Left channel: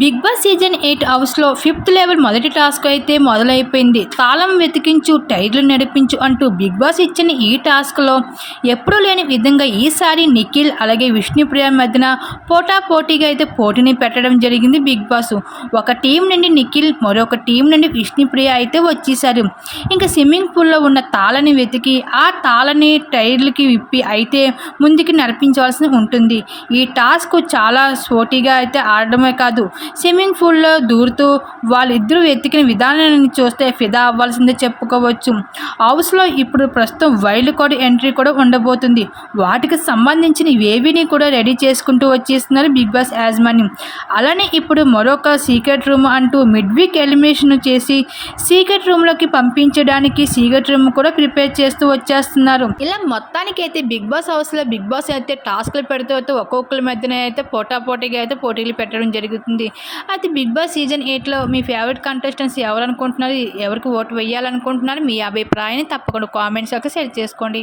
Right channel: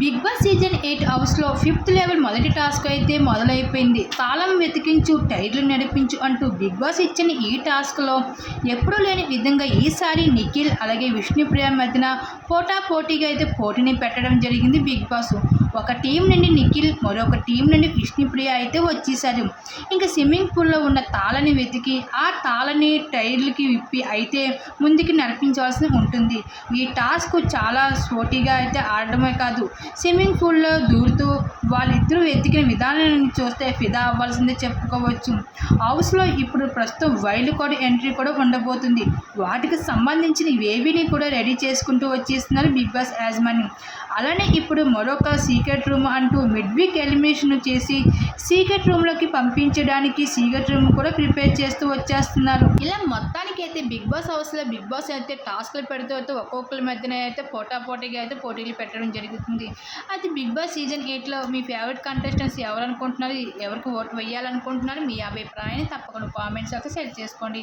Big boss season eight హౌస్లో fifth level మొదటి task అయితే మొదలైపోయింది. తాళం వెతికించు టైర్లు నడిపించు అంటూ బిగ్ బాస్ ఇచ్చిన ఈ టాస్క్లో ఎప్పుడూ లేని విధంగా ఈసారి నిఖిల్ అలాగే విష్ణుప్రియ మధ్యన పోటా పోటీగా అయితే పోటీని పెట్టడం జరిగింది బిగ్ బాస్. ఒక టీం నుండి నిఖిల్ మరొక టీం నుండి విష్ణుప్రియ అయితే వచ్చేసారు. ఇంకా స్విమ్మింగ్ పూల్లో ఉన్న తాళని వెతికి ఆ తాళని టైర్లకి విప్పి అయితే ముందుకి నడిపించవలసి ఉంటుంది. ఈ టాస్క్ చాలా స్పోటీగా అయితే ఆడడమే కాదు స్విమ్మింగ్ పూల్లో దూరుతూ వాళ్ళిద్దరూ వెతికిన విధానాన్ని చూస్తే ఫిదా అవ్వాల్సిందే చెప్పుకోవచ్చు. హౌస్లో ఇప్పుడు ప్రస్తుతం వైల్డ్ కార్డ్ ఎంట్రీ కూడా ఉండబోతుంది. వాటికి సంబంధించిన ఏవిని కూడా రెడీ చేసుకుంటూ వచ్చేస్తున్నారు బిగ్ బాస్ యాజమాన్యం. అలానే ఇప్పుడు మరొక సీక్రెట్ రూమ్ అంటూ మిడ్ వీక్ ఎలిమినేషన్ చేసి సీక్రెట్ రూమ్లోకి పంపించడానికి సీక్రెట్ రూమ్ కూడా ప్రిపేర్ చేస్తూ వచ్చేస్తున్నారు. ఇలా మొత్తానికి అయితే బిగ్ బాస్ హౌస్లో బిగ్ బాస్ అయితే టాస్క్లు పెడుతూ అయితే ఒక్కొక్కరి మధ్యన అయితే పోటా పోటీగా అయితే పోటీలు పెట్టడం జరుగుతుంది. అయితే బిగ్ బాస్ సీజన్ ఎయిట్లో మీ ఫేవరెట్ కంటెస్టెంట్స్ ఎవరు అనుకుంటున్నారు ఎవరికి ఓటు వేయాలనుకుంటున్నారు? మీ అభిప్రాయాన్ని తప్పకుండా కామెంట్స్ యొక్క షేర్ చేసుకోండి.